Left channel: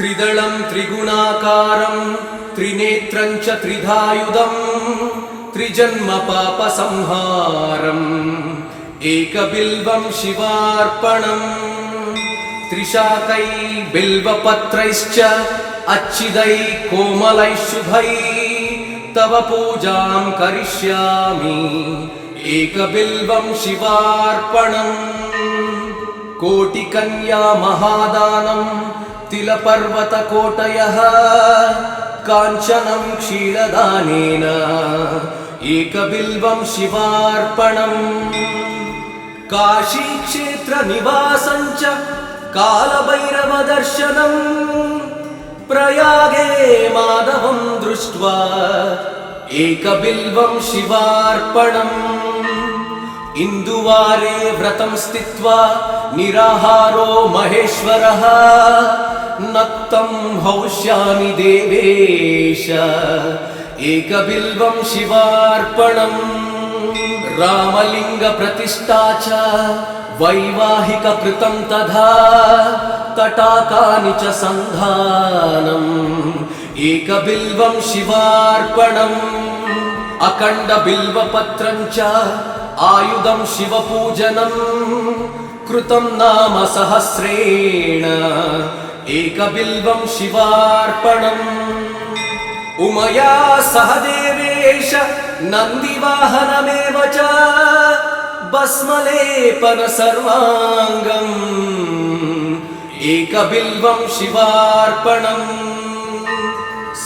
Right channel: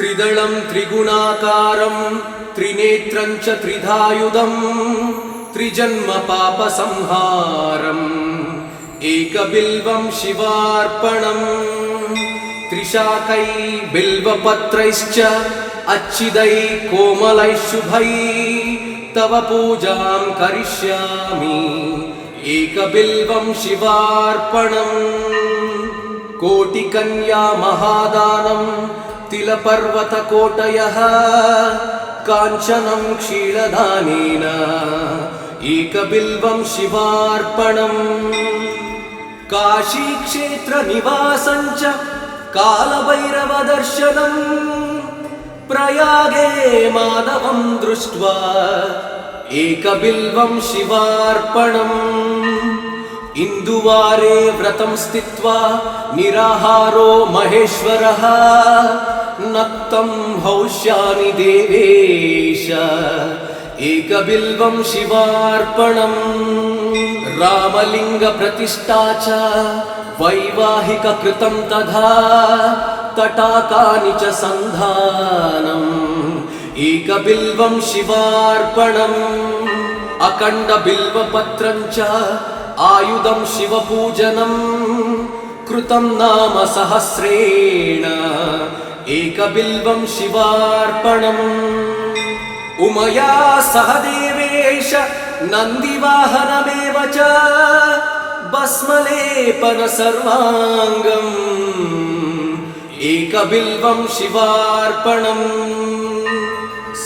त्रिदलं त्रिगुणाकारं त्रिनेत्रं च त्रिधायुधं त्रिजन्म पापसंहारम् एकबिल्वं शिवार्पणम् त्रिशाकै बिल्वपत्रैश्च अच्छिदै कोमलै शुभै तव पूजां करिष्यामि एकबिल्वं शिवार्पणम् कोटिकन्या महादानं तिलपर्वतकोटयः काञ्चनं क्षीरदानेन एकबिल्वं शिवार्पणम् काशीक्षेत्रनिवासं च कालभैरवदर्शनं प्रयागे माधवं दृष्ट्वा एकबिल्वं शिवार्पणम् इन्दुवारे व्रतं स्थित्वा निराहारो महेश्वरः नक्तं हौष्यामि देवेश एकबिल्वं शिवार्पणम् रामलिङ्गप्रतिष्ठा च वैवाहिककृतं तथा तटाकानि च सन्धानम् एकबिल्वं शिवार्पणम् अखण्डबिल्वपत्रं च आयुधं शिवपूजनं कृतं नाम सहस्रेण एकबिल्वं शिवार्पणम् उमया सह देवेश नन्दिवाहनमेव च भस्मलेपन सर्वाङ्गम् एकबिल्वं शिवार्पणम्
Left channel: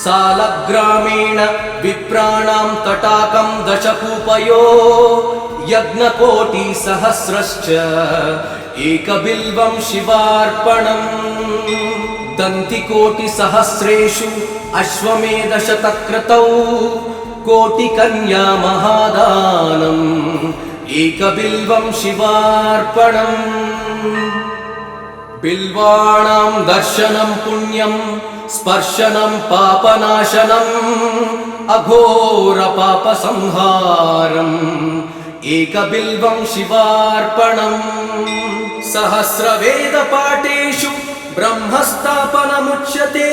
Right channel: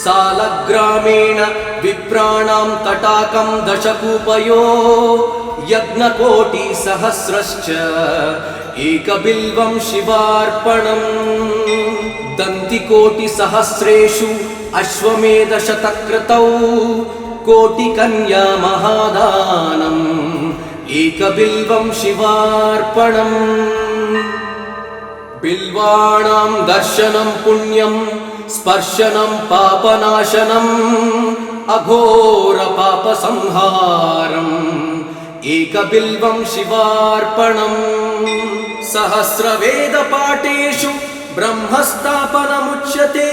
सालग्रामेण विप्राणां तटाकं दशकूपयो यज्ञकोटिसहस्रश्च एकबिल्वं शिवार्पणम् दन्तिकोटिसहस्रेषु अश्वमेधशतक्रतौ कोटिकन्या महादानम् एकबिल्वं शिवार्पणम् बिल्वाणां दर्शनं पुण्यं स्पर्शनं पापनाशनम् अघोरपापसंहारम् एकबिल्वं शिवार्पणम् सहस्रवेदपाठेषु ब्रह्मस्थापनमुच्यते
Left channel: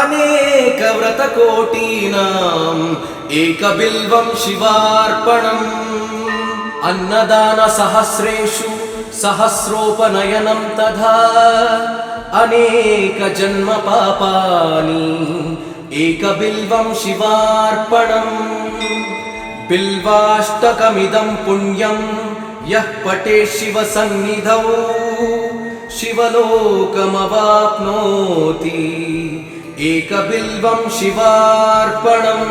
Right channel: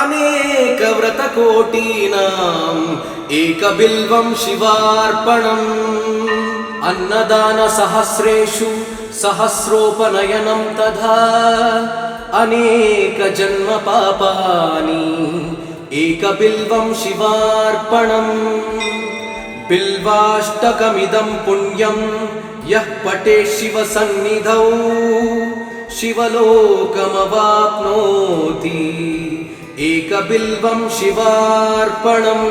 अनेकव्रतकोटीनाम् एकबिल्वं शिवार्पणम् अन्नदानसहस्रेषु सहस्रोपनयनं तथा अनेकजन्मपापानि एकबिल्वं शिवार्पणम् बिल्वाष्टकमिदं पुण्यं यः पठेत् शिवसन्निधौ शिवलोकमवाप्नोति एकबिल्वं शिवार्पणम्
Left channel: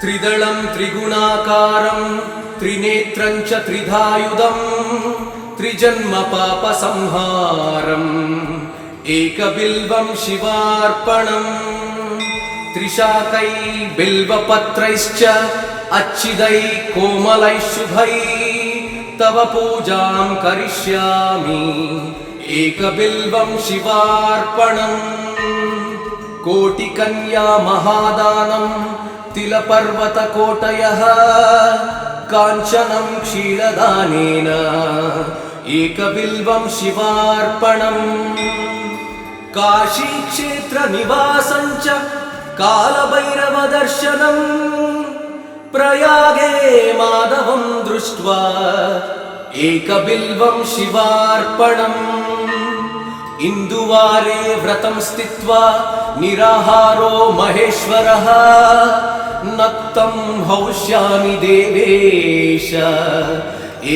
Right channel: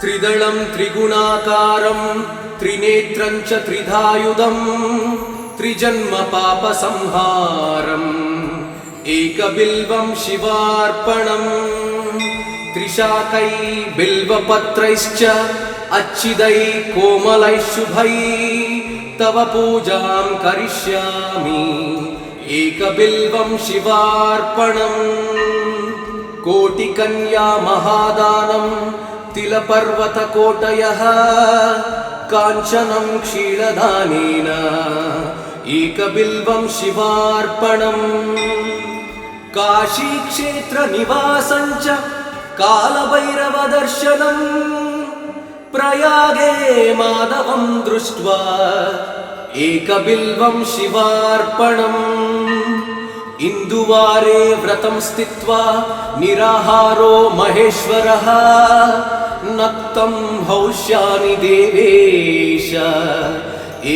त्रिदलं त्रिगुणाकारं त्रिनेत्रं च त्रिधायुधं त्रिजन्म पापसंहारम् एकबिल्वं शिवार्पणम् त्रिशाकै बिल्वपत्रैश्च अच्छिदै कोमलै शुभै तव पूजां करिष्यामि एकबिल्वं शिवार्पणम् कोटिकन्या महादानं तिलपर्वतकोटयः काञ्चनं क्षीरदानेन एकबिल्वं शिवार्पणम् काशीक्षेत्रनिवासं च कालभैरवदर्शनं प्रयागे माधवं दृष्ट्वा एकबिल्वं शिवार्पणम् इन्दुवारे व्रतं स्थित्वा निराहारो महेश्वरः नक्तं हौष्यामि देवेश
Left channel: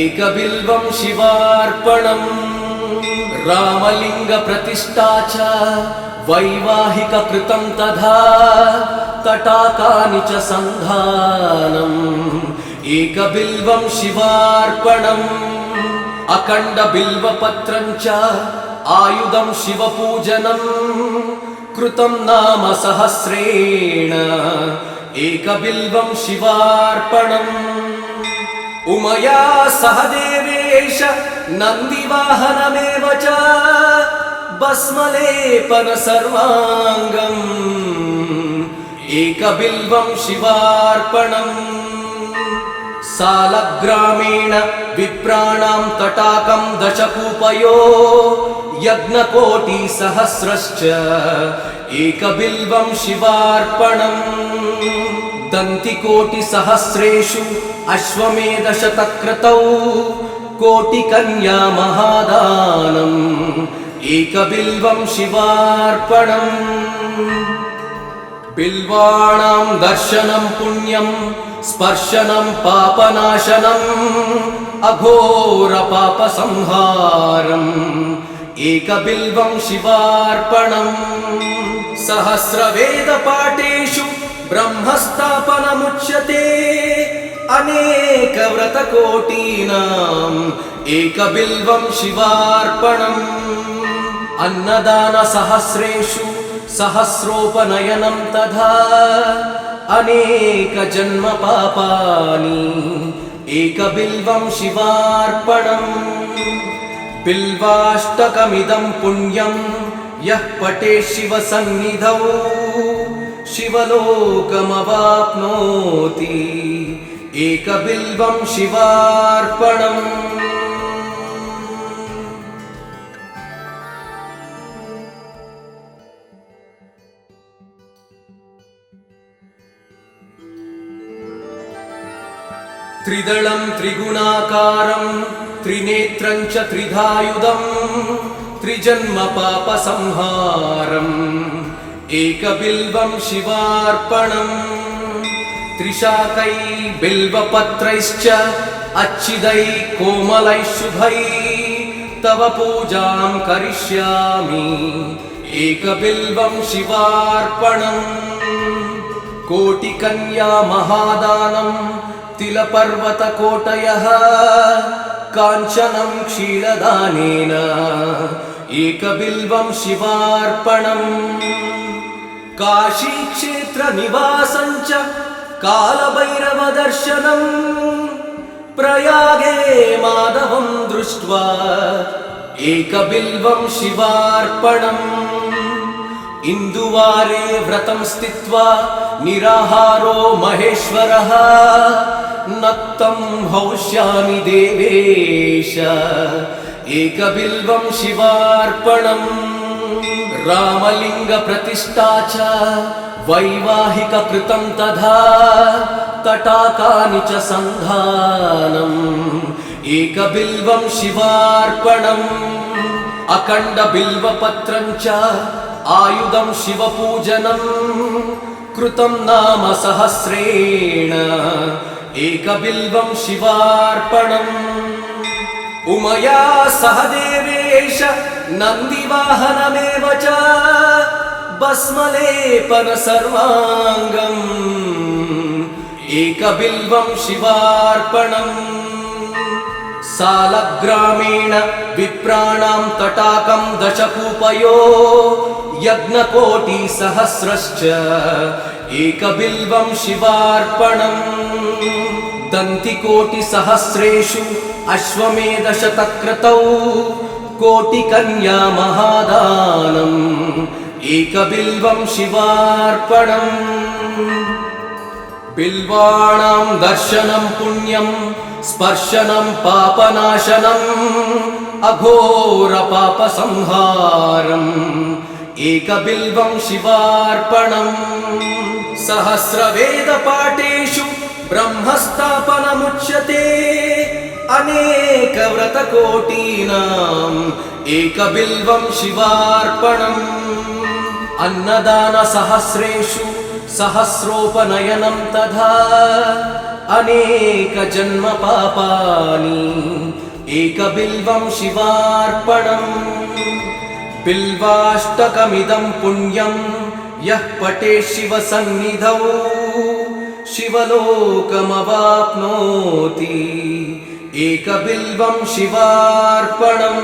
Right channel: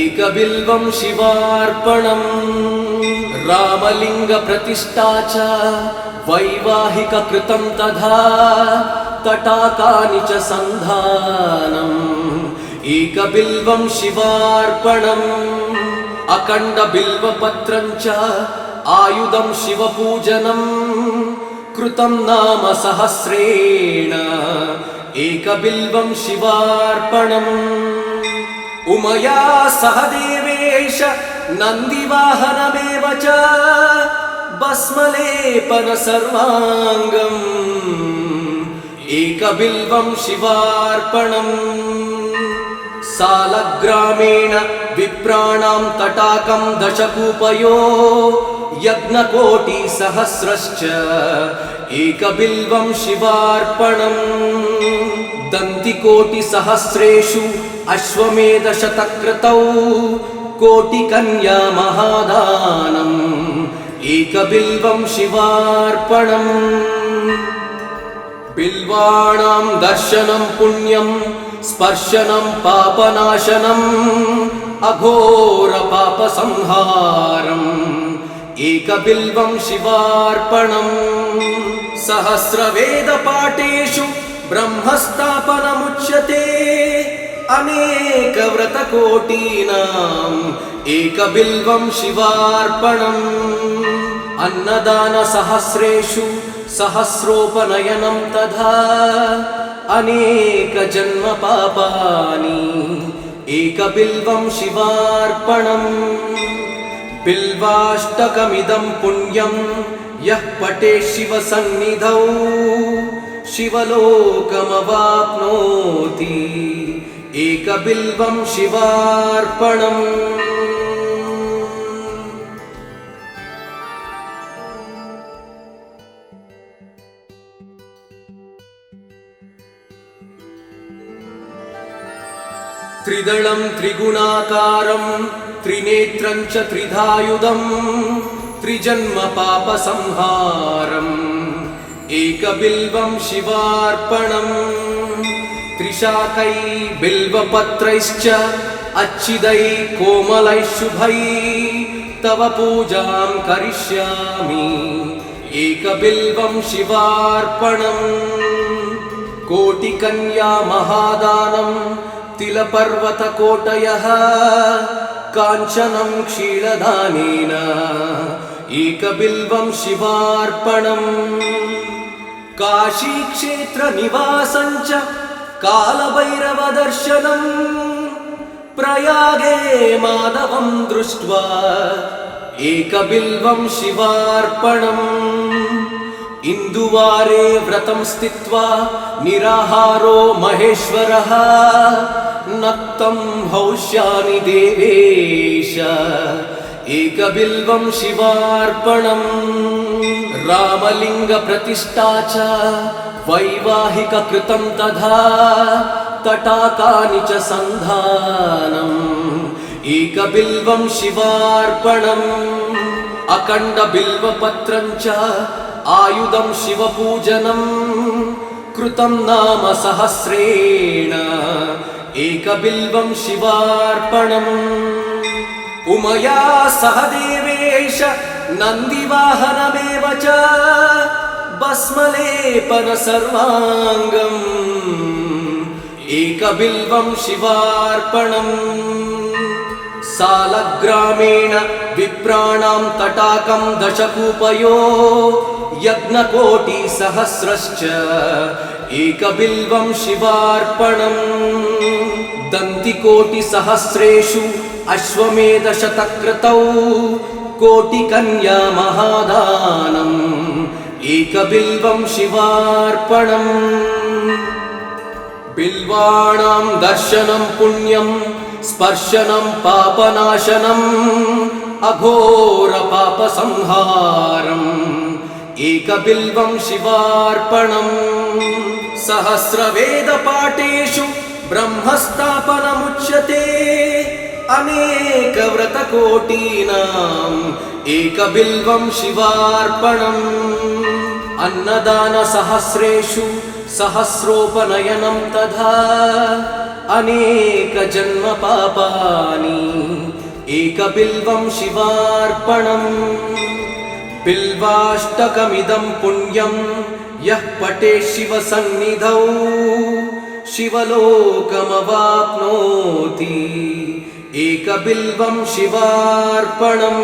एकबिल्वं शिवार्पणम् रामलिङ्गप्रतिष्ठा च वैवाहिककृतं तथा तटाकानि च सन्धानम् एकबिल्वं शिवार्पणम् अखण्डबिल्वपत्रं च आयुधं शिवपूजनं कृतं नाम सहस्रेण एकबिल्वं शिवार्पणम् उमया सह देवेश नन्दिवाहनमेव च भस्मलेपन सर्वाङ्गम् एकबिल्वं शिवार्पणम् सालग्रामेण विप्राणां तटाकं दशकूपयो यज्ञकोटिसहस्रश्च एकबिल्वं शिवार्पणम् दन्तिकोटिसहस्रेषु अश्वमेधशतक्रतौ कोटिकन्या महादानम् एकबिल्वं शिवार्पणम् बिल्वाणां दर्शनं पुण्यं स्पर्शनं पापनाशनम् अघोरपापसंहारम् एकबिल्वं शिवार्पणम् सहस्रवेदपाठेषु ब्रह्मस्थापनमुच्यते अनेकव्रतकोटीनाम् एकबिल्वं शिवार्पणम् अन्नदानसहस्रेषु सहस्रोपनयनं तथा अनेकजन्मपापानि एकबिल्वं शिवार्पणम् बिल्वाष्टकमिदं पुण्यं यः पठेत् शिवसन्निधौ शिवलोकमवाप्नोति एकबिल्वं शिवार्पणम् त्रिदलं त्रिगुणाकारं त्रिनेत्रं च त्रिधायुधं त्रिजन्मपापसंहारम् एकबिल्वं शिवार्पणम् त्रिशाकै बिल्वपत्रैश्च अच्छिदै कोमलैः शुभै तव पूजां करिष्यामि एकबिल्वं शिवार्पणम् कोटिकन्या महादानं तिलपर्वतकोटयः काञ्चनं क्षीरदानेन एकबिल्वं शिवार्पणम् काशीक्षेत्रनिवासं च कालभैरवदर्शनम् प्रयागे माधवं दृष्ट्वा एकबिल्वं शिवार्पणम् इन्दुवारे व्रतं स्थित्वा निराहारो महेश्वरः नक्तं हौष्यामि देवेश एकबिल्वं शिवार्पणम् रामलिङ्गप्रतिष्ठा च वैवाहिककृतं तथा तटाकानि च सन्धानम् एकबिल्वं शिवार्पणम् अखण्डबिल्वपत्रं च आयुधं शिवपूजनम् कृतं नाम सहस्रेण एकबिल्वं शिवार्पणम् उमया सह देवेश नन्दिवाहनमेव च भस्मलेपन सर्वाङ्गम् एकबिल्वं शिवार्पणम् सालग्रामेण विप्राणां तटाकं दशकूपयो यज्ञकोटिसहस्रश्च एकबिल्वं शिवार्पणम् दन्तिकोटिसहस्रेषु अश्वमेधशतक्रतौ कोटिकन्या महादानम् एकबिल्वं शिवार्पणम् बिल्वाणां दर्शनं पुण्यं स्पर्शनं पापनाशनम् अघोरपापसंहारम् एकबिल्वं शिवार्पणम् सहस्रवेदपाठेषु ब्रह्मस्थापनमुच्यते अनेकव्रतकोटीनाम् एकबिल्वं शिवार्पणम् अन्नदानसहस्रेषु सहस्रोपनयनं तथा अनेकजन्मपापानि एकबिल्वं शिवार्पणम् बिल्वाष्टकमिदं पुण्यं यः पठेत् शिवसन्निधौ शिवलोकमवाप्नोति एकबिल्वं शिवार्पणम्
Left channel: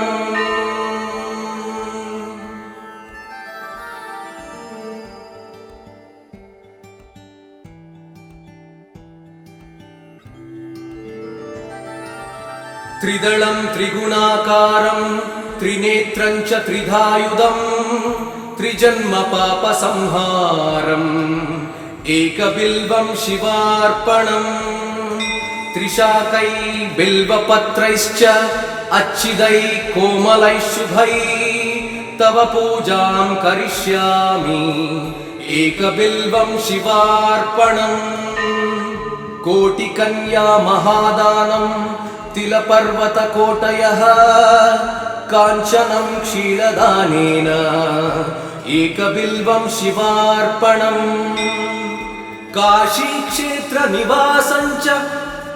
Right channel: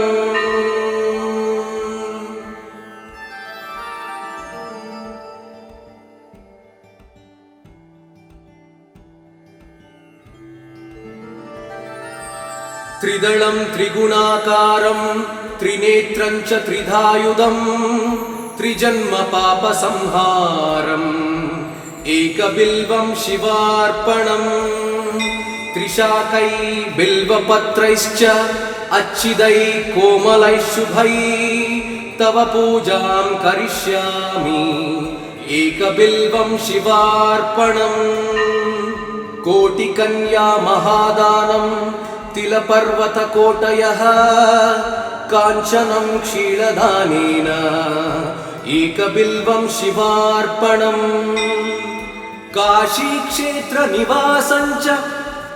त्रिदलं त्रिगुणाकारं त्रिनेत्रं च त्रिधायुधं त्रिजन्मपापसंहारम् एकबिल्वं शिवार्पणम् त्रिशाकै बिल्वपत्रैश्च अच्छिदै कोमलै शुभै तव पूजां करिष्यामि एकबिल्वं शिवार्पणम् कोटिकन्या महादानं तिलपर्वतकोटयः काञ्चनं क्षीरदानेन एकबिल्वं शिवार्पणम् काशीक्षेत्रनिवासं च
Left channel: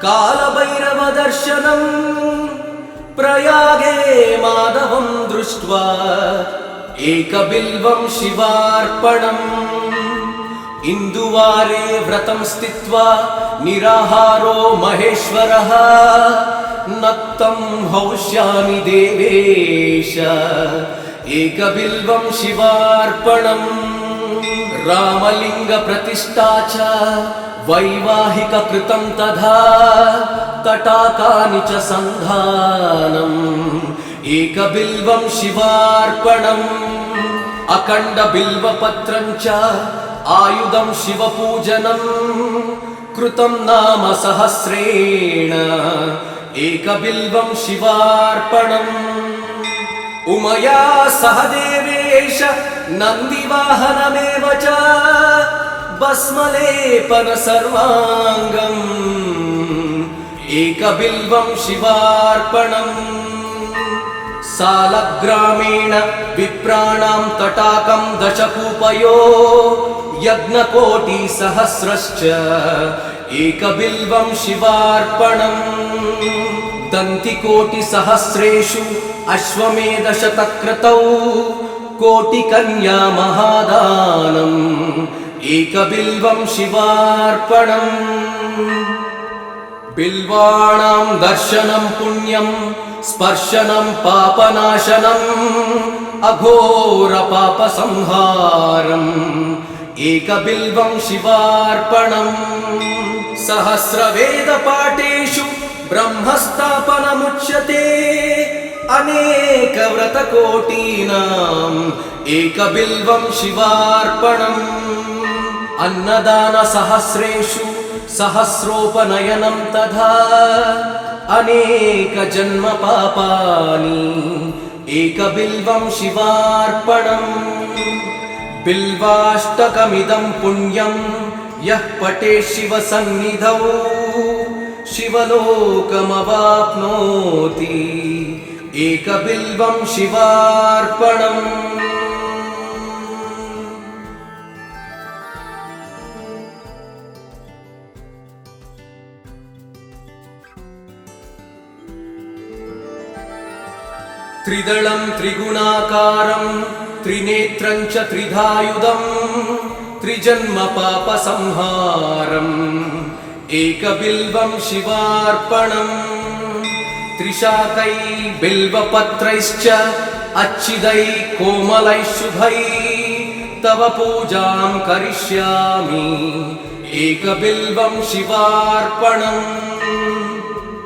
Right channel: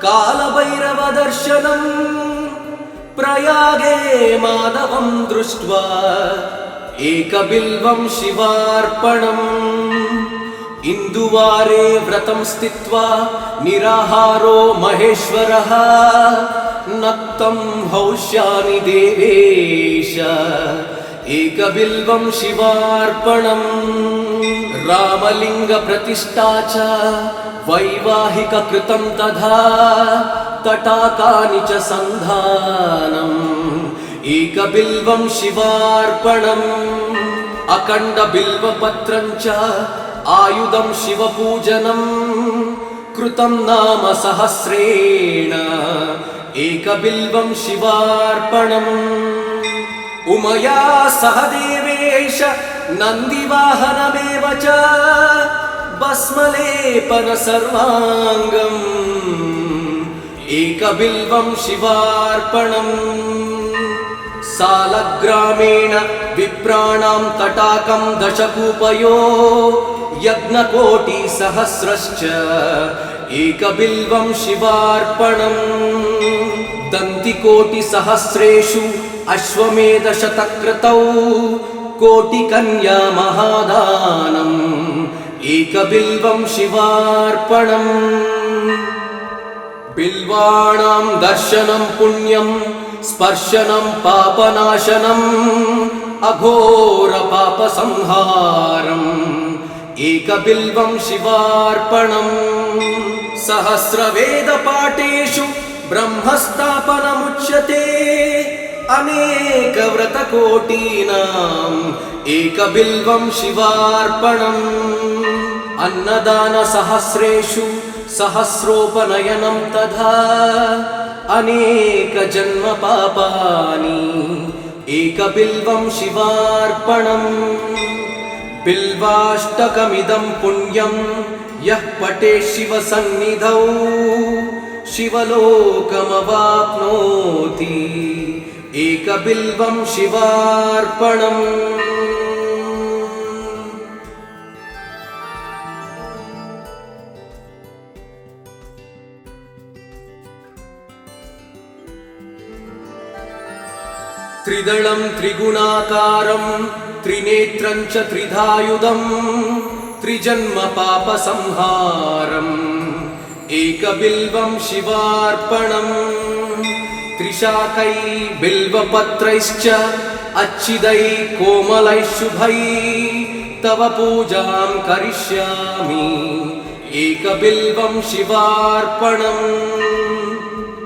कालभैरवदर्शनम् प्रयागे माधवं दृष्ट्वा एकबिल्वं शिवार्पणम् इन्दुवारे व्रतं स्थित्वा निराहारो महेश्वरः नक्तं हौष्यामि देवेश एकबिल्वं शिवार्पणम् रामलिङ्गप्रतिष्ठा च वैवाहिककृतं तथा तटाकानि च सन्धानम् एकबिल्वं शिवार्पणम् अखण्डबिल्वपत्रं च आयुधं शिवपूजनं कृतं नाम सहस्रेण एकबिल्वं शिवार्पणम् उमया सह देवेश नन्दिवाहनमेव च भस्मलेपन सर्वाङ्गम् एकबिल्वं शिवार्पणम् सालग्रामेण विप्राणां तटाकं दशकूपयो यज्ञकोटिसहस्रश्च एकबिल्वं शिवार्पणम् दन्तिकोटिसहस्रेषु अश्वमेधशतक्रतौ कोटिकन्या महादानम् एकबिल्वं शिवार्पणम् बिल्वाणां दर्शनं पुण्यं स्पर्शनं पापनाशनम् अघोरपापसंहारम् एकबिल्वं शिवार्पणम् सहस्रवेदपाठेषु ब्रह्मस्थापनमुच्यते अनेकव्रतकोटीनाम् एकबिल्वं शिवार्पणम् अन्नदानसहस्रेषु सहस्रोपनयनं तथा अनेकजन्मपापानि एकबिल्वं शिवार्पणम् बिल्वाष्टकमिदं पुण्यं यः पठेत् शिवसन्निधौ शिवलोकमवाप्नोति एकबिल्वं शिवार्पणम् त्रिदलं त्रिगुणाकारं त्रिनेत्रं च त्रिधायुधं त्रिजन्मपापसंहारम् एकबिल्वं शिवार्पणम् त्रिशाकै बिल्वपत्रैश्च अच्छिदै कोमलै शुभै तव पूजां करिष्यामि एकबिल्वं शिवार्पणम्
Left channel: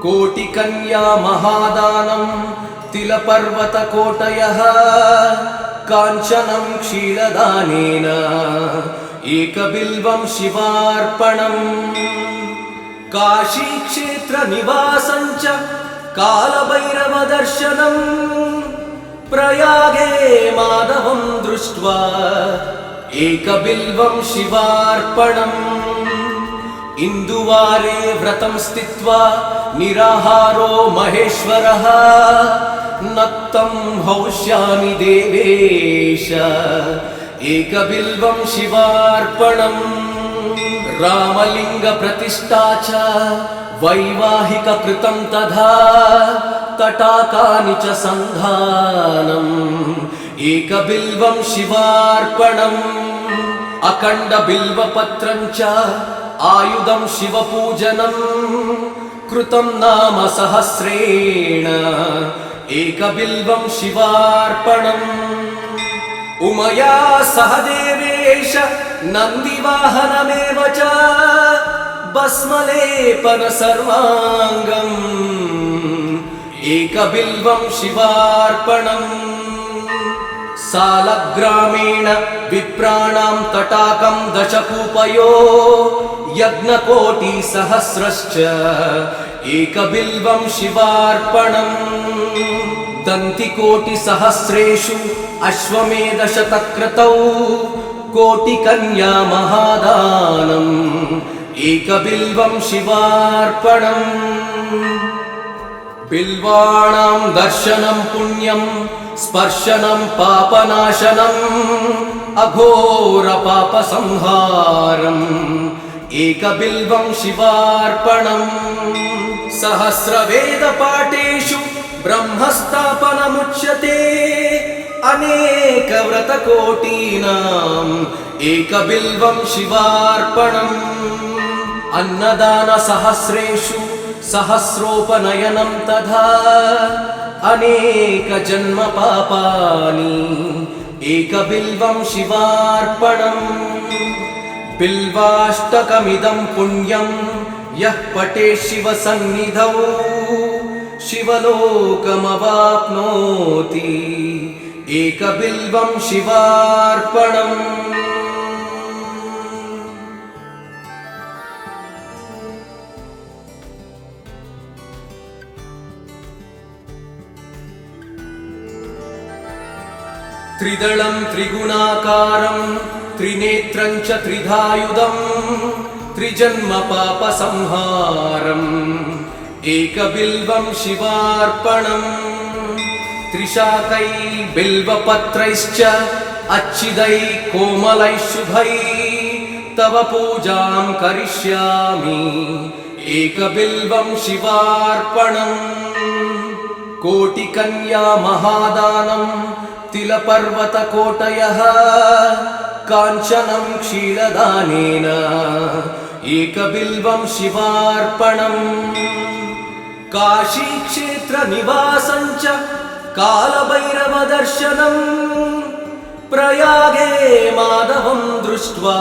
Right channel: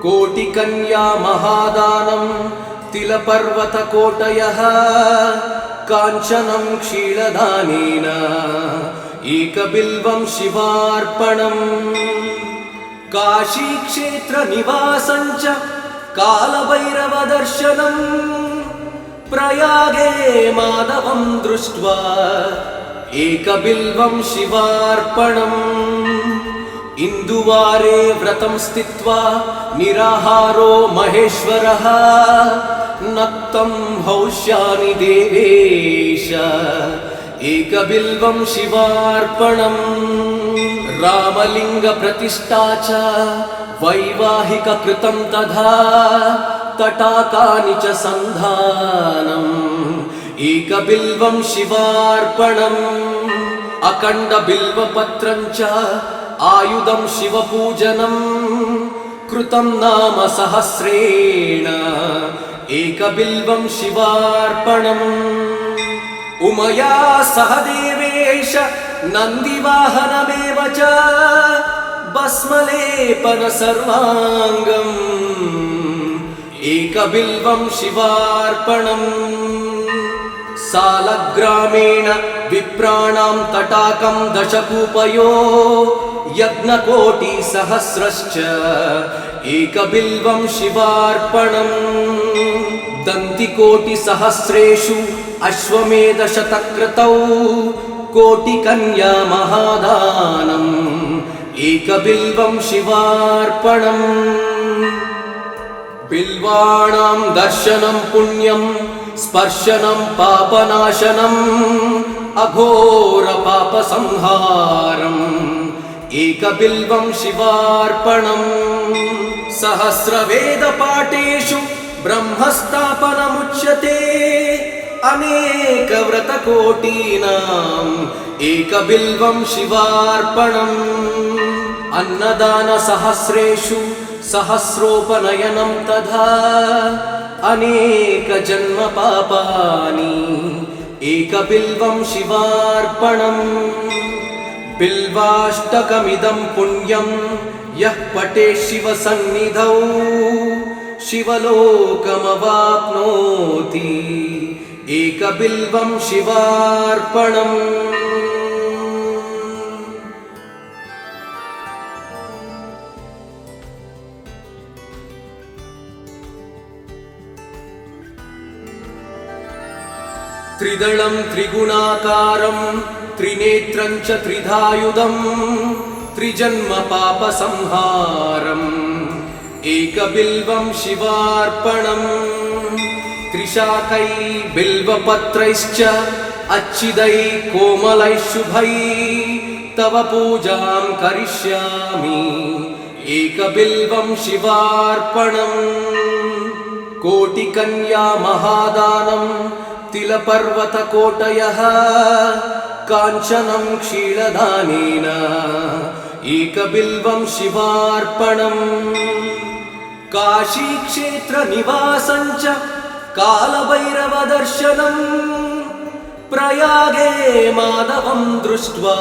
कोटिकन्या महादानं तिलपर्वतकोटयः काञ्चनं क्षीरदानेन एकबिल्वं शिवार्पणम् काशीक्षेत्रनिवासं च कालभैरवदर्शनम् प्रयागे माधवं दृष्ट्वा एकबिल्वं शिवार्पणम् इन्दुवारे व्रतं स्थित्वा निराहारो महेश्वरः नक्तं हौष्यामि देवेश एकबिल्वं शिवार्पणम् रामलिङ्गप्रतिष्ठा च वैवाहिककृतं तथा तटाकानि च सन्धानम् एकबिल्वं शिवार्पणम् अखण्डबिल्वपत्रं च आयुधं शिवपूजनं कृतं नाम सहस्रेण एकबिल्वं शिवार्पणम् उमया सह देवेश नन्दिवाहनमेव च भस्मलेपन सर्वाङ्गम् एकबिल्वं शिवार्पणम् सालग्रामेण विप्राणां तटाकं दशकूपयो यज्ञकोटिसहस्रश्च एकबिल्वं शिवार्पणम् दन्तिकोटिसहस्रेषु अश्वमेधशतक्रतौ कोटिकन्या महादानम् एकबिल्वं शिवार्पणम् बिल्वाणां दर्शनं पुण्यं स्पर्शनं पापनाशनम् अघोरपापसंहारम् एकबिल्वं शिवार्पणम् सहस्रवेदपाठेषु ब्रह्मस्थापनमुच्यते अनेकव्रतकोटीनाम् एकबिल्वं शिवार्पणम् अन्नदानसहस्रेषु सहस्रोपनयनं तथा अनेकजन्मपापानि एकबिल्वं शिवार्पणम् बिल्वाष्टकमिदं पुण्यं यः पठेत् शिवसन्निधौ शिवलोकमवाप्नोति एकबिल्वं शिवार्पणम् त्रिदलं त्रिगुणाकारं त्रिनेत्रं च त्रिधायुधं त्रिजन्मपापसंहारम् एकबिल्वं शिवार्पणम् त्रिशाकै बिल्वपत्रैश्च अच्छिदै कोमलैः शुभै तव पूजां करिष्यामि एकबिल्वं शिवार्पणम् कोटिकन्या महादानं तिलपर्वतकोटयः काञ्चनं क्षीरदानेन एकबिल्वं शिवार्पणम् काशीक्षेत्रनिवासं च कालभैरवदर्शनम् प्रयागे माधवं दृष्ट्वा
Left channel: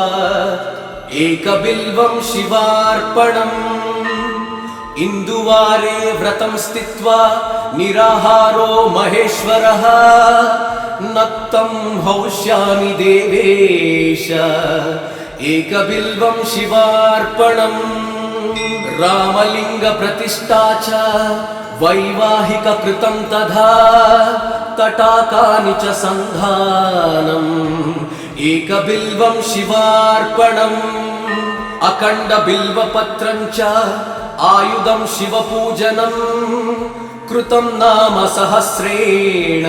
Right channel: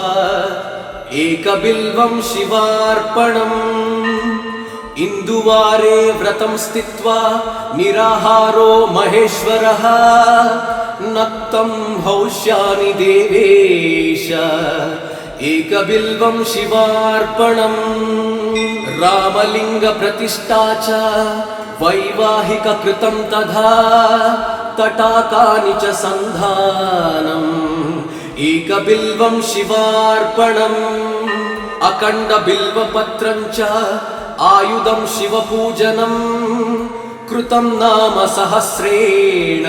एकबिल्वं शिवार्पणम् इन्दुवारे व्रतं स्थित्वा निराहारो महेश्वरः नक्तं हौष्यामि देवेश एकबिल्वं शिवार्पणम् रामलिङ्गप्रतिष्ठा च वैवाहिककृतं तथा तटाकानि च सन्धानम् एकबिल्वं शिवार्पणम् अखण्डबिल्वपत्रं च आयुधं शिवपूजनं कृतं नाम सहस्रेण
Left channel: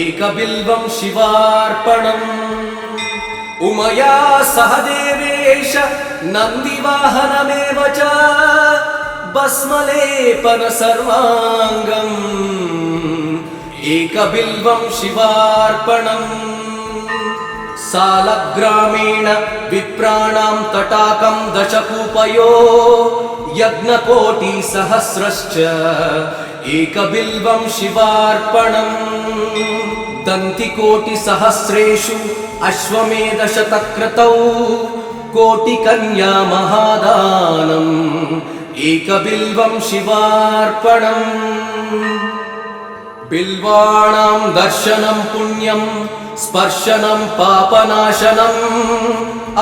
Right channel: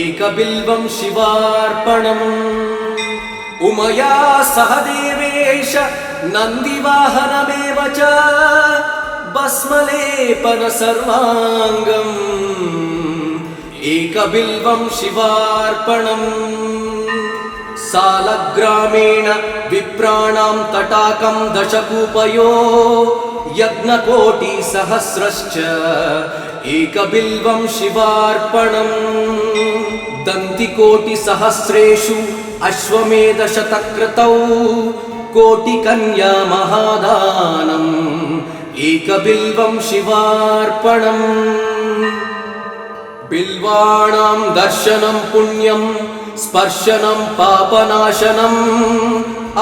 एकबिल्वं शिवार्पणम् उमया सह देवेश नन्दिवाहनमेव च भस्मलेपन सर्वाङ्गम् एकबिल्वं शिवार्पणम् सालग्रामेण विप्राणां तटाकं दशकूपयो यज्ञकोटिसहस्रश्च एकबिल्वं शिवार्पणम् दन्तिकोटिसहस्रेषु अश्वमेधशतक्रतौ कोटिकन्या महादानम् एकबिल्वं शिवार्पणम् बिल्वाणां दर्शनं पुण्यं स्पर्शनं पापनाशनम्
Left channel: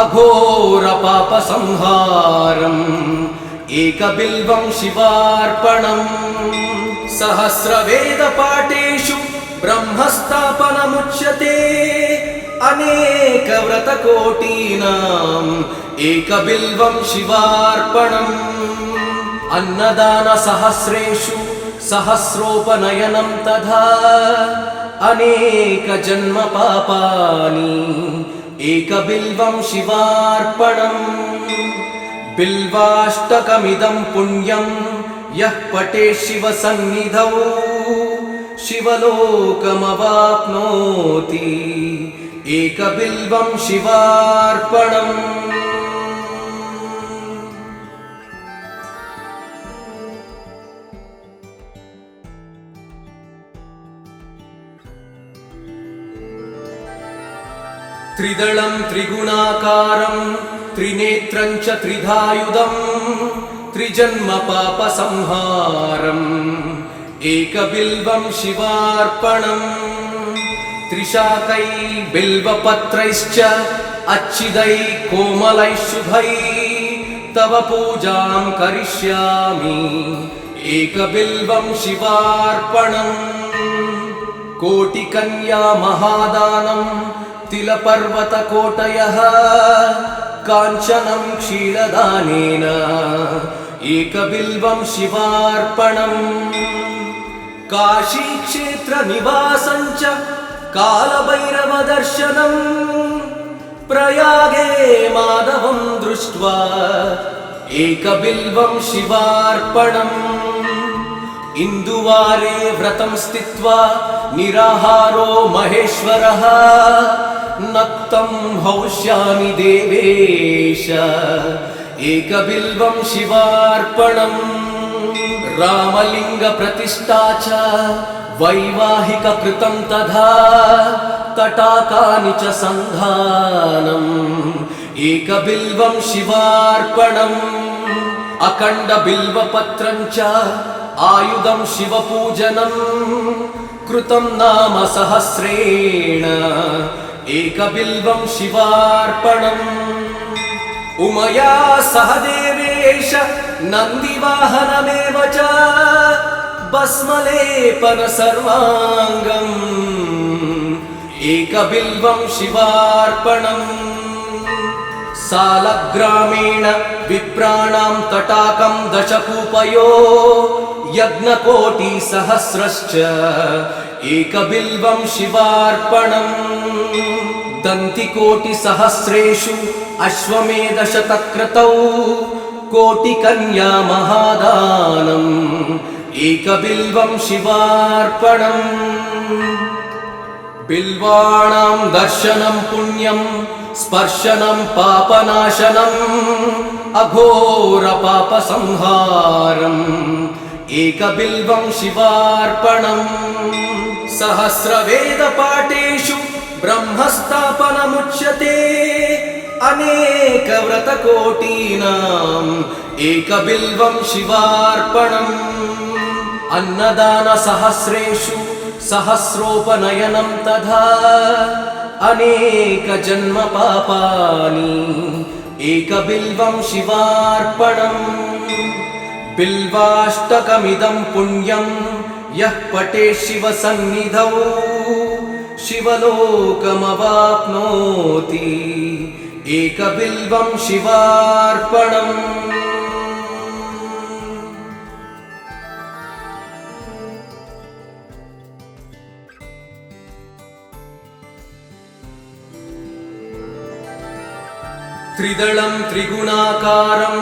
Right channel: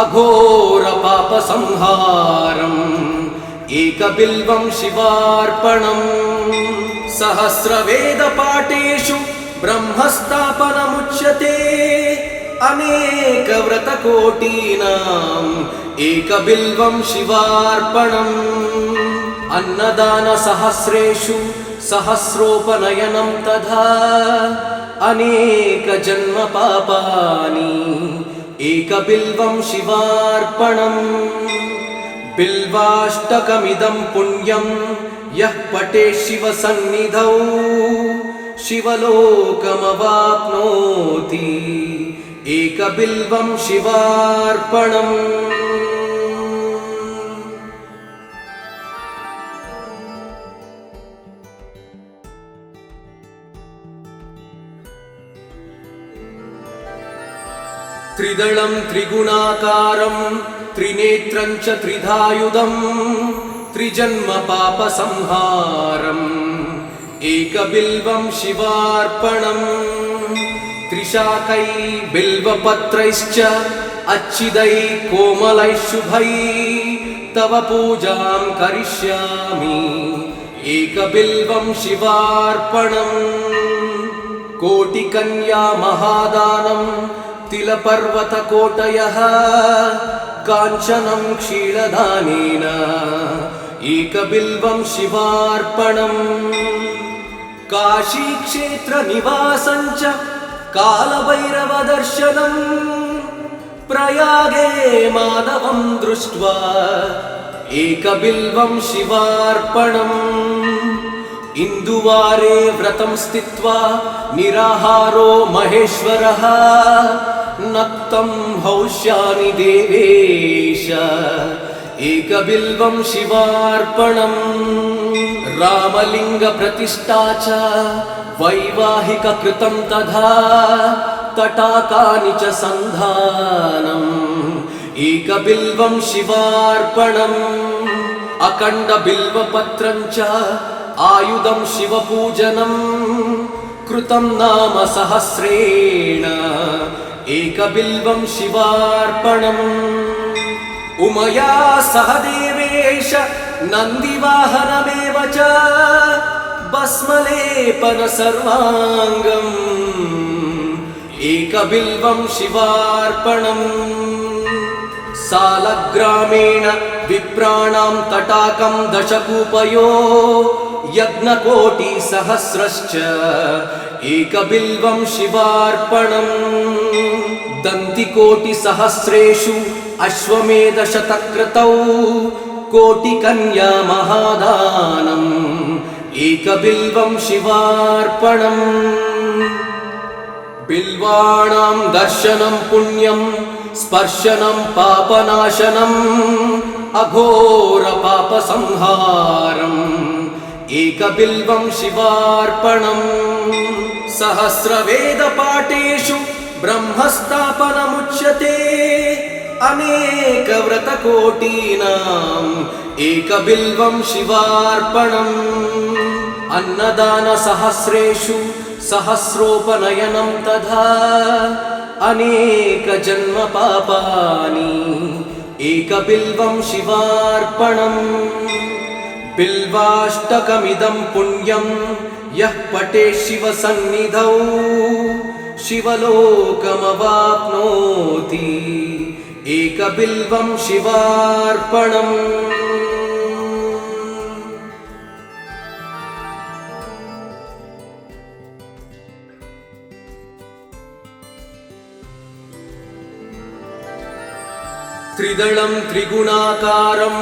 अघोरपापसंहारम् एकबिल्वं शिवार्पणम् सहस्रवेदपाठेषु ब्रह्मस्थापनमुच्यते अनेकव्रतकोटीनाम् एकबिल्वं शिवार्पणम् अन्नदानसहस्रेषु सहस्रोपनयनं तथा अनेकजन्मपापानि एकबिल्वं शिवार्पणम् बिल्वाष्टकमिदं पुण्यं यः पठेत् शिवसन्निधौ शिवलोकमवाप्नोति एकबिल्वं शिवार्पणम् त्रिदलं त्रिगुणाकारं त्रिनेत्रं च त्रिधायुधं त्रिजन्मपापसंहारम् एकबिल्वं शिवार्पणम् त्रिशाकै बिल्वपत्रैश्च अच्छिदै कोमलैः शुभै तव पूजां करिष्यामि एकबिल्वं शिवार्पणम् कोटिकन्या महादानं तिलपर्वतकोटयः काञ्चनं क्षीरदानेन एकबिल्वं शिवार्पणम् काशीक्षेत्रनिवासं च कालभैरवदर्शनम् प्रयागे माधवं दृष्ट्वा एकबिल्वं शिवार्पणम् इन्दुवारे व्रतं स्थित्वा निराहारो महेश्वरः नक्तं हौष्यामि देवेश एकबिल्वं शिवार्पणम् रामलिङ्गप्रतिष्ठा च वैवाहिककृतं तथा तटाकानि च सन्धानम् एकबिल्वं शिवार्पणम् अखण्डबिल्वपत्रं च आयुधं शिवपूजनं कृतं नाम सहस्रेण एकबिल्वं शिवार्पणम् उमया सह देवेश नन्दिवाहनमेव च भस्मलेपन सर्वाङ्गम् एकबिल्वं शिवार्पणम् सालग्रामेण विप्राणां तटाकं दशकूपयो यज्ञकोटिसहस्रश्च एकबिल्वं शिवार्पणम् दन्तिकोटिसहस्रेषु अश्वमेधशतक्रतौ कोटिकन्या महादानम् एकबिल्वं शिवार्पणम् बिल्वाणां दर्शनं पुण्यं स्पर्शनं पापनाशनम् अघोरपापसंहारम् एकबिल्वं शिवार्पणम् सहस्रवेदपाठेषु ब्रह्मस्थापनमुच्यते अनेकव्रतकोटीनाम् एकबिल्वं शिवार्पणम् अन्नदानसहस्रेषु सहस्रोपनयनं तथा अनेकजन्मपापानि एकबिल्वं शिवार्पणम् बिल्वाष्टकमिदं पुण्यं यः पठेत् शिवसन्निधौ शिवलोकमवाप्नोति एकबिल्वं शिवार्पणम् त्रिदलं त्रिगुणाकारं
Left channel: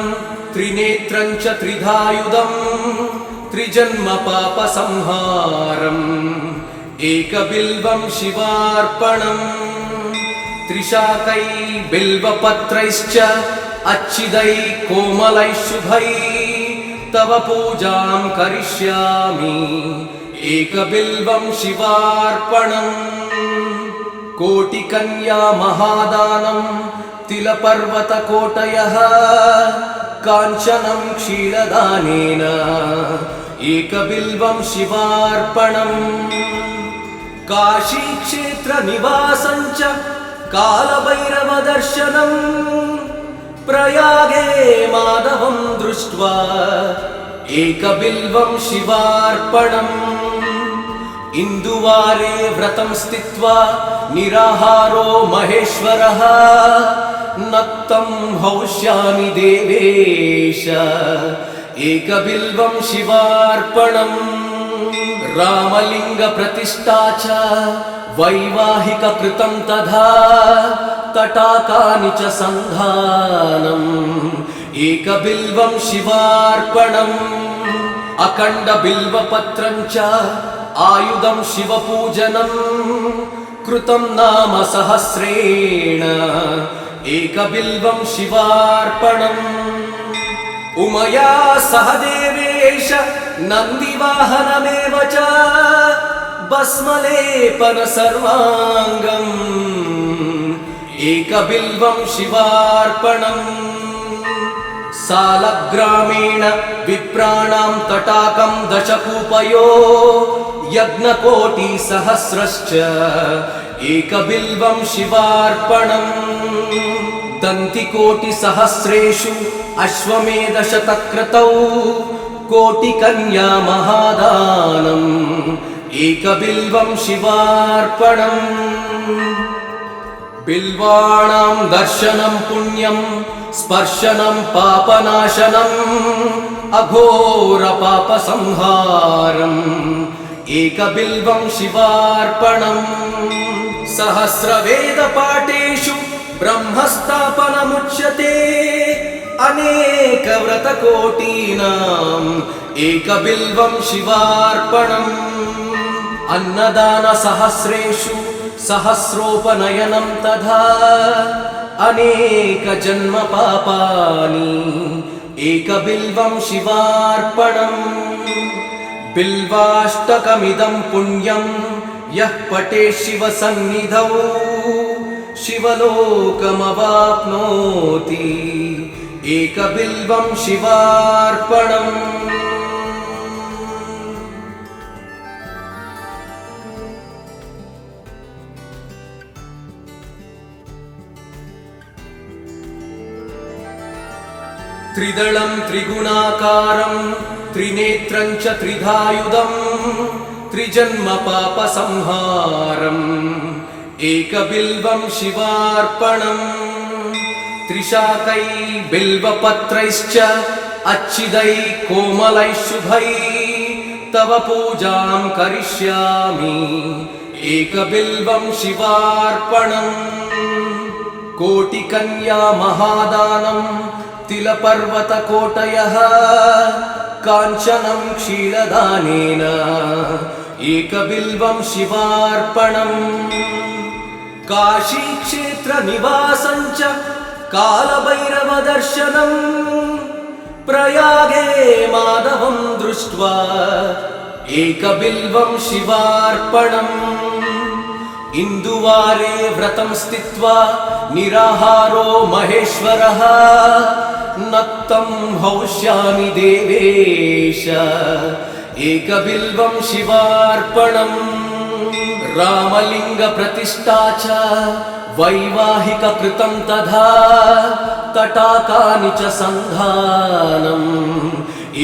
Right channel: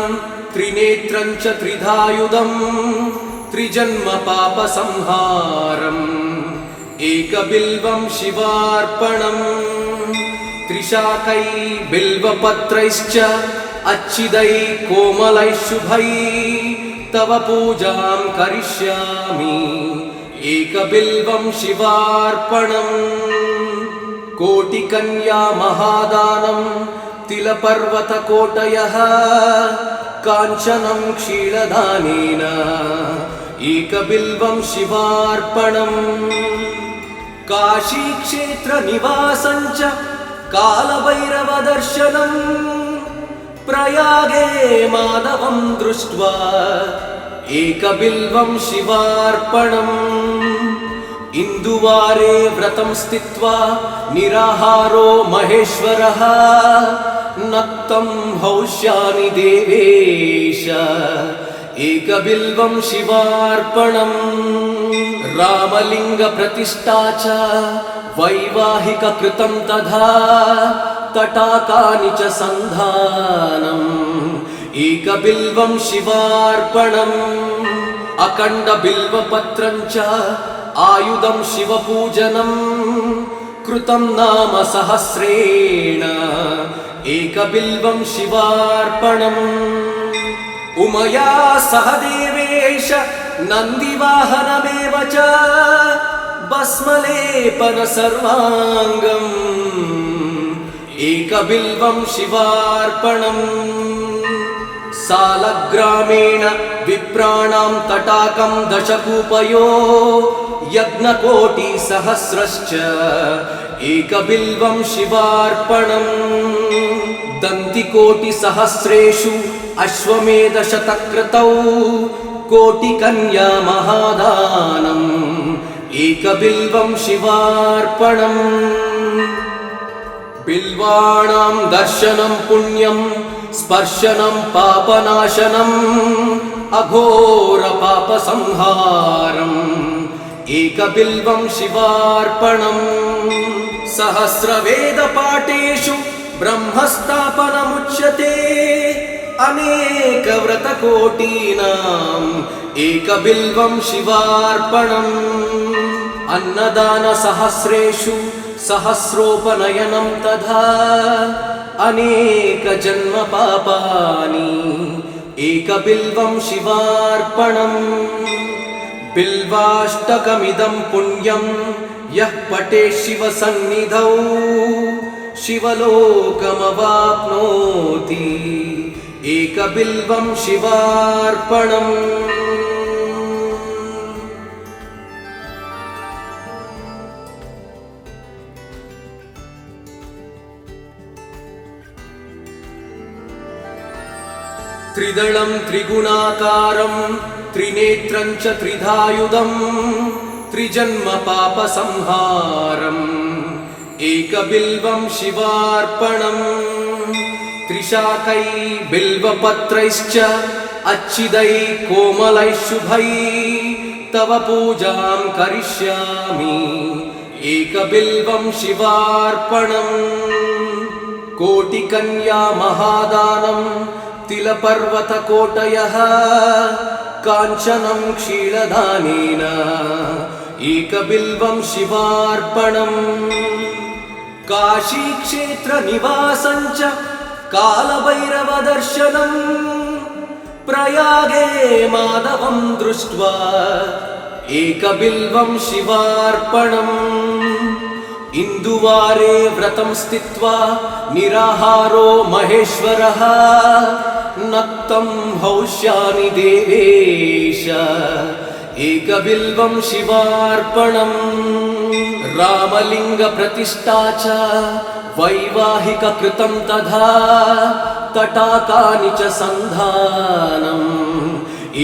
त्रिनेत्रं च त्रिधायुधं त्रिजन्मपापसंहारम् एकबिल्वं शिवार्पणम् त्रिशाकै बिल्वपत्रैश्च अच्छिदै कोमलैः शुभै तव पूजां करिष्यामि एकबिल्वं शिवार्पणम् कोटिकन्या महादानं तिलपर्वतकोटयः काञ्चनं क्षीरदानेन एकबिल्वं शिवार्पणम् काशीक्षेत्रनिवासं च कालभैरवदर्शनम् प्रयागे माधवं दृष्ट्वा एकबिल्वं शिवार्पणम् इन्दुवारे व्रतं स्थित्वा निराहारो महेश्वरः नक्तं हौष्यामि देवेश एकबिल्वं शिवार्पणम् रामलिङ्गप्रतिष्ठा च वैवाहिककृतं तथा तटाकानि च सन्धानम् एकबिल्वं शिवार्पणम् अखण्डबिल्वपत्रं च आयुधं शिवपूजनं कृतं नाम सहस्रेण एकबिल्वं शिवार्पणम् उमया सह देवेश नन्दिवाहनमेव च भस्मलेपन सर्वाङ्गम् एकबिल्वं शिवार्पणम् सालग्रामेण विप्राणां तटाकं दशकूपयो यज्ञकोटिसहस्रश्च एकबिल्वं शिवार्पणम् दन्तिकोटिसहस्रेषु अश्वमेधशतक्रतौ कोटिकन्या महादानम् एकबिल्वं शिवार्पणम् बिल्वाणां दर्शनं पुण्यं स्पर्शनं पापनाशनम् अघोरपापसंहारम् एकबिल्वं शिवार्पणम् सहस्रवेदपाठेषु ब्रह्मस्थापनमुच्यते अनेकव्रतकोटीनाम् एकबिल्वं शिवार्पणम् अन्नदानसहस्रेषु सहस्रोपनयनं तथा अनेकजन्मपापानि एकबिल्वं शिवार्पणम् बिल्वाष्टकमिदं पुण्यं यः पठेत् शिवसन्निधौ शिवलोकमवाप्नोति एकबिल्वं शिवार्पणम् त्रिदलं त्रिगुणाकारं त्रिनेत्रं च त्रिधायुधं त्रिजन्मपापसंहारम् एकबिल्वं शिवार्पणम् त्रिशाकै बिल्वपत्रैश्च अच्छिदै कोमलै शुभै तव पूजां करिष्यामि एकबिल्वं शिवार्पणम् कोटिकन्या महादानं तिलपर्वतकोटयः काञ्चनं क्षीरदानेन एकबिल्वं शिवार्पणम् काशीक्षेत्रनिवासं च कालभैरवदर्शनम् प्रयागे माधवं दृष्ट्वा एकबिल्वं शिवार्पणम् इन्दुवारे व्रतं स्थित्वा निराहारो महेश्वरः नक्तं हौष्यामि देवेश एकबिल्वं शिवार्पणम् रामलिङ्गप्रतिष्ठा च वैवाहिककृतं तथा तटाकानि च सन्धानम्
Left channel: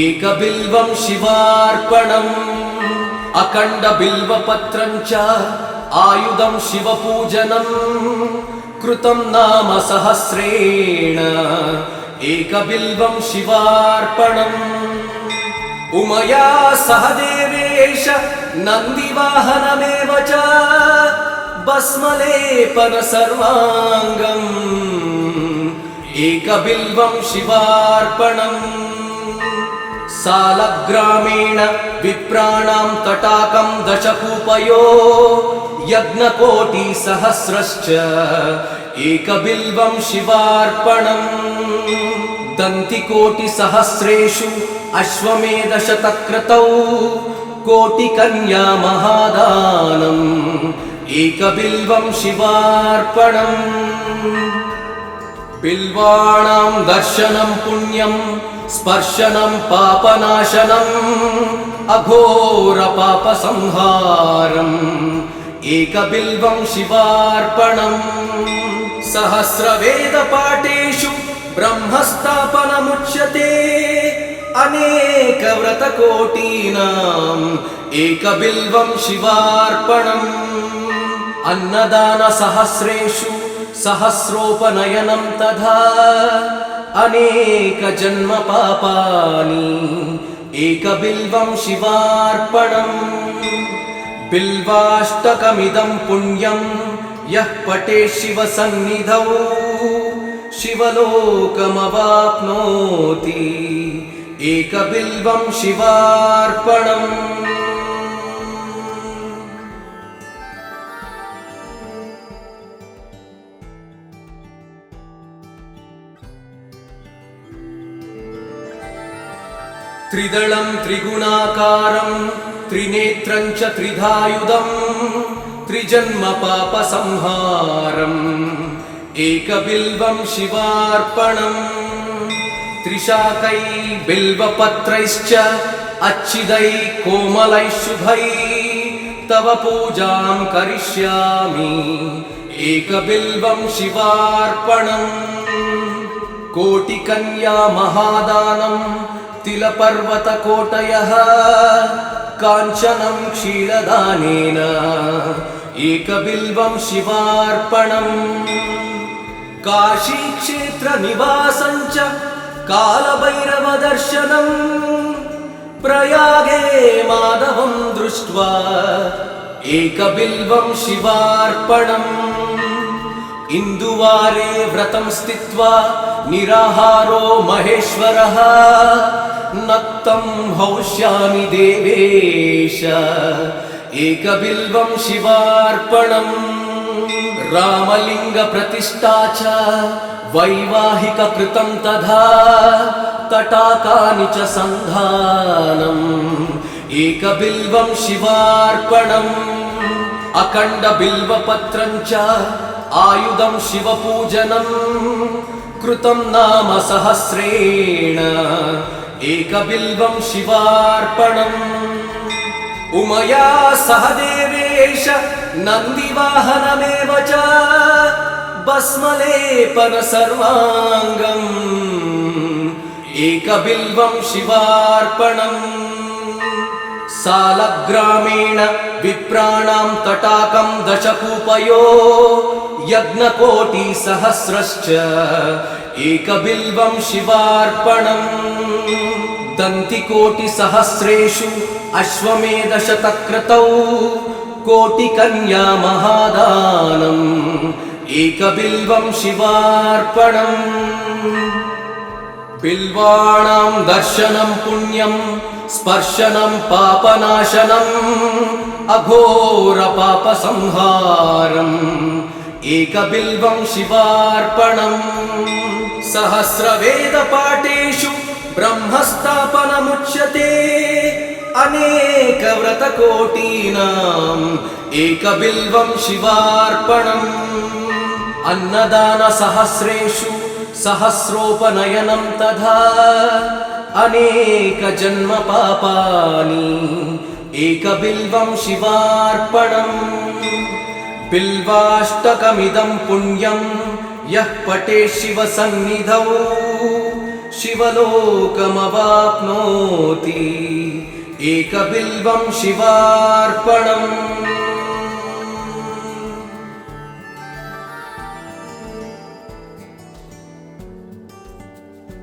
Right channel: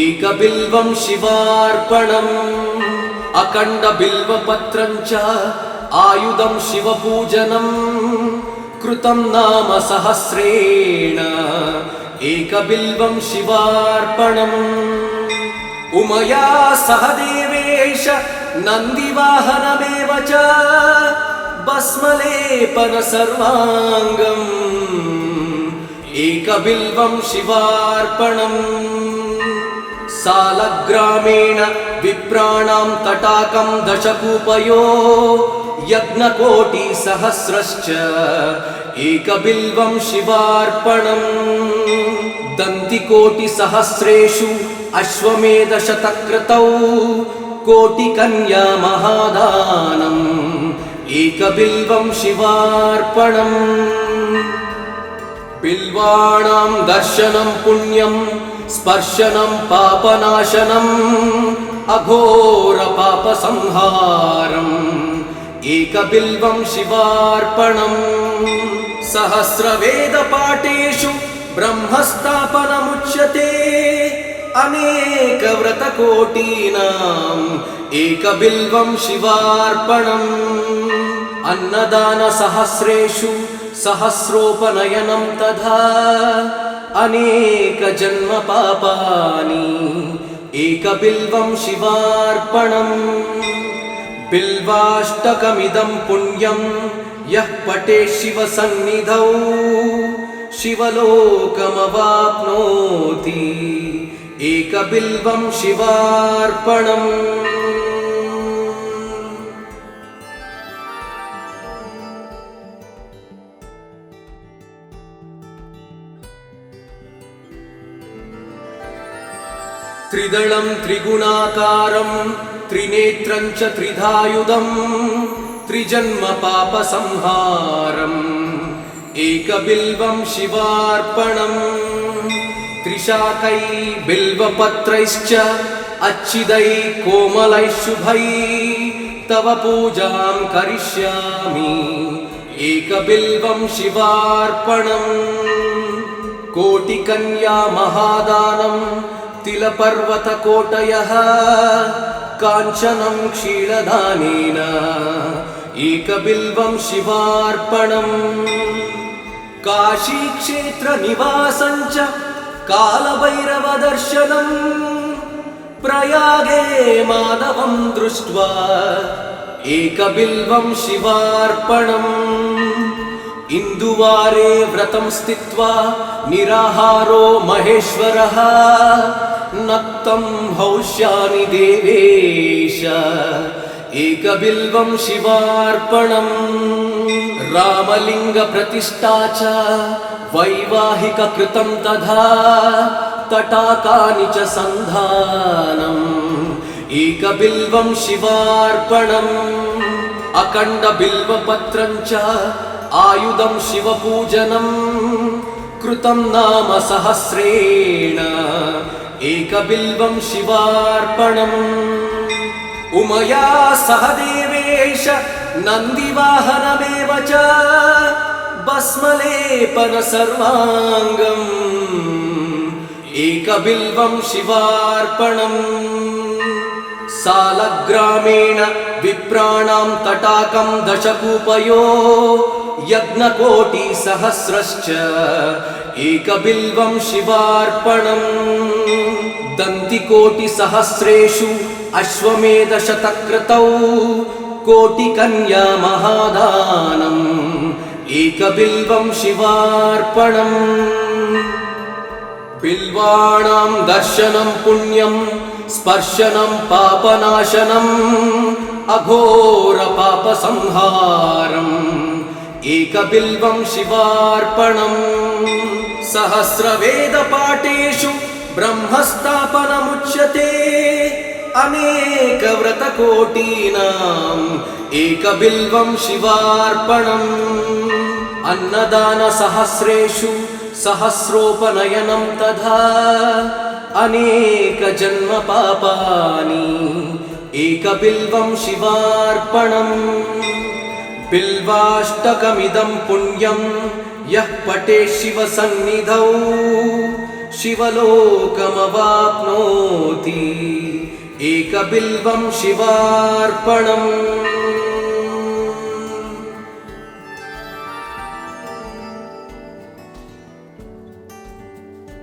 एकबिल्वं शिवार्पणम् अखण्डबिल्वपत्रं च आयुधं शिवपूजनम् कृतं नाम सहस्रेण एकबिल्वं शिवार्पणम् उमया सह देवेश नन्दिवाहनमेव च भस्मलेपन सर्वाङ्गम् एकबिल्वं शिवार्पणम् सालग्रामेण विप्राणां तटाकं दशकूपयो यज्ञकोटिसहस्रश्च एकबिल्वं शिवार्पणम् दन्तिकोटिसहस्रेषु अश्वमेधशतक्रतौ कोटिकन्या महादानम् एकबिल्वं शिवार्पणम् बिल्वाणां दर्शनं पुण्यं स्पर्शनं पापनाशनम् अघोरपापसंहारम् एकबिल्वं शिवार्पणम् सहस्रवेदपाठेषु ब्रह्मस्थापनमुच्यते अनेकव्रतकोटीनाम् एकबिल्वं शिवार्पणम् अन्नदानसहस्रेषु सहस्रोपनयनं तथा अनेकजन्मपापानि एकबिल्वं शिवार्पणम् बिल्वाष्टकमिदं पुण्यं यः पठेत् शिवसन्निधौ शिवलोकमवाप्नोति एकबिल्वं शिवार्पणम् त्रिदलं त्रिगुणाकारं त्रिनेत्रं च त्रिधायुधं त्रिजन्मपापसंहारम् एकबिल्वं शिवार्पणम् त्रिशाकै बिल्वपत्रैश्च अच्छिदै कोमलै शुभै तव पूजां करिष्यामि एकबिल्वं शिवार्पणम् कोटिकन्या महादानं तिलपर्वतकोटयः काञ्चनं क्षीरदानेन एकबिल्वं शिवार्पणम् काशीक्षेत्रनिवासं च कालभैरवदर्शनम् प्रयागे माधवं दृष्ट्वा एकबिल्वं शिवार्पणम् इन्दुवारे व्रतं स्थित्वा निराहारो महेश्वरः नक्तं हौष्यामि देवेश एकबिल्वं शिवार्पणम् रामलिङ्गप्रतिष्ठा च वैवाहिककृतं तथा तटाकानि च सन्धानम् एकबिल्वं शिवार्पणम् अखण्डबिल्वपत्रं च आयुधं शिवपूजनं कृतं नाम सहस्रेण एकबिल्वं शिवार्पणम् उमया सह देवेश नन्दिवाहनमेव च भस्मलेपन सर्वाङ्गम् एकबिल्वं शिवार्पणम् सालग्रामेण विप्राणां तटाकं दशकूपयो यज्ञकोटिसहस्रश्च एकबिल्वं शिवार्पणम् दन्तिकोटिसहस्रेषु अश्वमेधशतक्रतौ कोटिकन्या महादानम् एकबिल्वं शिवार्पणम् बिल्वाणां दर्शनं पुण्यं स्पर्शनं पापनाशनम् अघोरपापसंहारम् एकबिल्वं शिवार्पणम् सहस्रवेदपाठेषु ब्रह्मस्थापनमुच्यते अनेकव्रतकोटीनाम् एकबिल्वं शिवार्पणम् अन्नदानसहस्रेषु सहस्रोपनयनं तथा अनेकजन्मपापानि एकबिल्वं शिवार्पणम् बिल्वाष्टकमिदं पुण्यं यः पठेत् शिवसन्निधौ शिवलोकमवाप्नोति एकबिल्वं शिवार्पणम्